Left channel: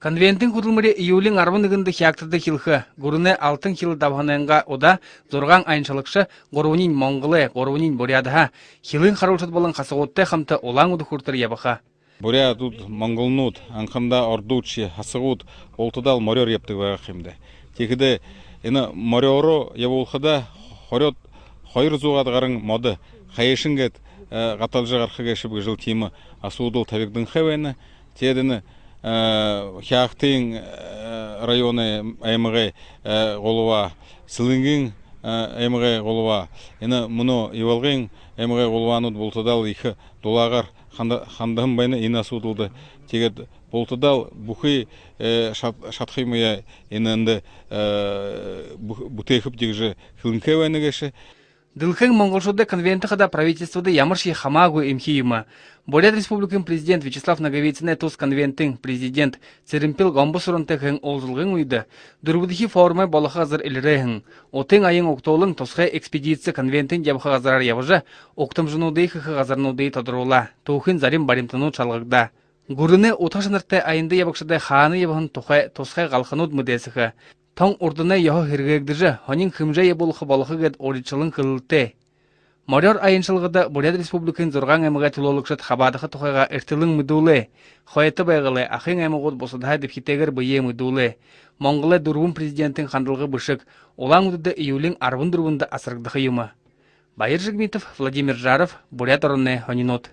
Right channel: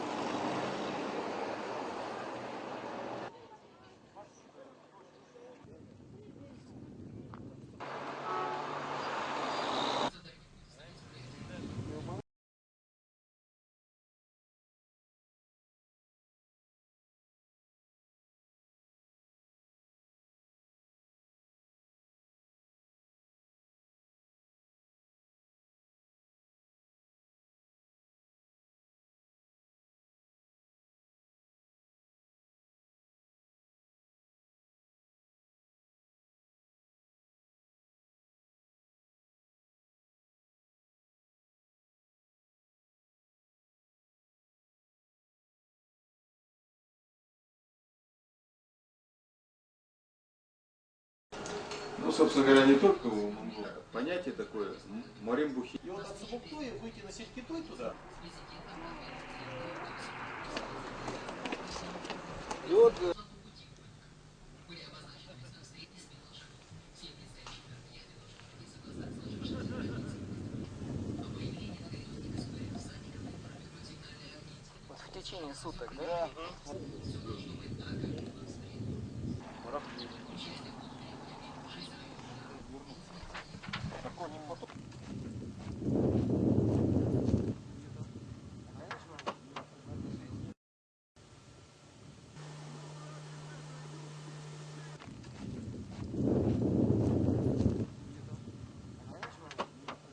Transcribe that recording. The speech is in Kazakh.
Конвенттің құтылмыры июлің арвынығынды хияқтырды хилхы. Гурыны алтын хил давханыңға ода зорған айыншалықшы ғорунин Монголы, ғорунин Бурядыға хилын қарылшыд болын қасығытты қамты олаң ұды құртыр ябыға. Буря тут монголнут, анхамда ордучи, хасығут, олтыдал морер ептігі қимді. Текіді, ені мореру еболхыда хорет хойыр зуғадығарын моды, қайышынгет ғаталжы ғарқыға шыбғы жыл тимі асудыл табекдің қавайны, тедіні хяқтың районы аймығы ғолуа, сіліңгің аймығы ғолуа, ені мұны евалғың аймығы ғолуануд болтыдал екі долағар хандығын байны ені асудылды. Тегет болтыдал бұқи шатқымыя енінді бұтейхіп дегжі хілінке вайны кеші. Дылхың Монголшылды конвенті қада правительстводы ямырши хамагу имхиима. Бурят Республикын президент Вячеслав Наговицыне туз конвенттің президент Церимпил Гомбусурынтықың олзылғын ұйды. Дүрбудихи формы балыға азыр илірейхің. Отың айын оқтолың тосқа экспедиция конвенттің жабыға азарар явыжы оқтым жынудей хықы азарнудей тодырула. Тухын зарим баримтыну чалғықда. Гурыны оташынырты айынды ябықшыдай ханы ябығын тосқа қалқынуд мүдесіқі. Тоң ордына яғы хергегдіжі, хонин хымжа еболықы балықы гет оричылың кылылты. Морер айыншылғыда Бурят Республикын зорған әміға тулолықшыд хабадықы тұқайға әртілің мүдулы. Қойеті байғылы, ақын әміғыр босыдға депхитегір бұйе мүдулы. Монголы дұрвын президенттің қандылғы бұшық, олаң ұдыды июлің арвын дұрвынды асырғдықы юмы. Байыр Жигмитов, Владимир Жаров, Бурят орынны Хонинот.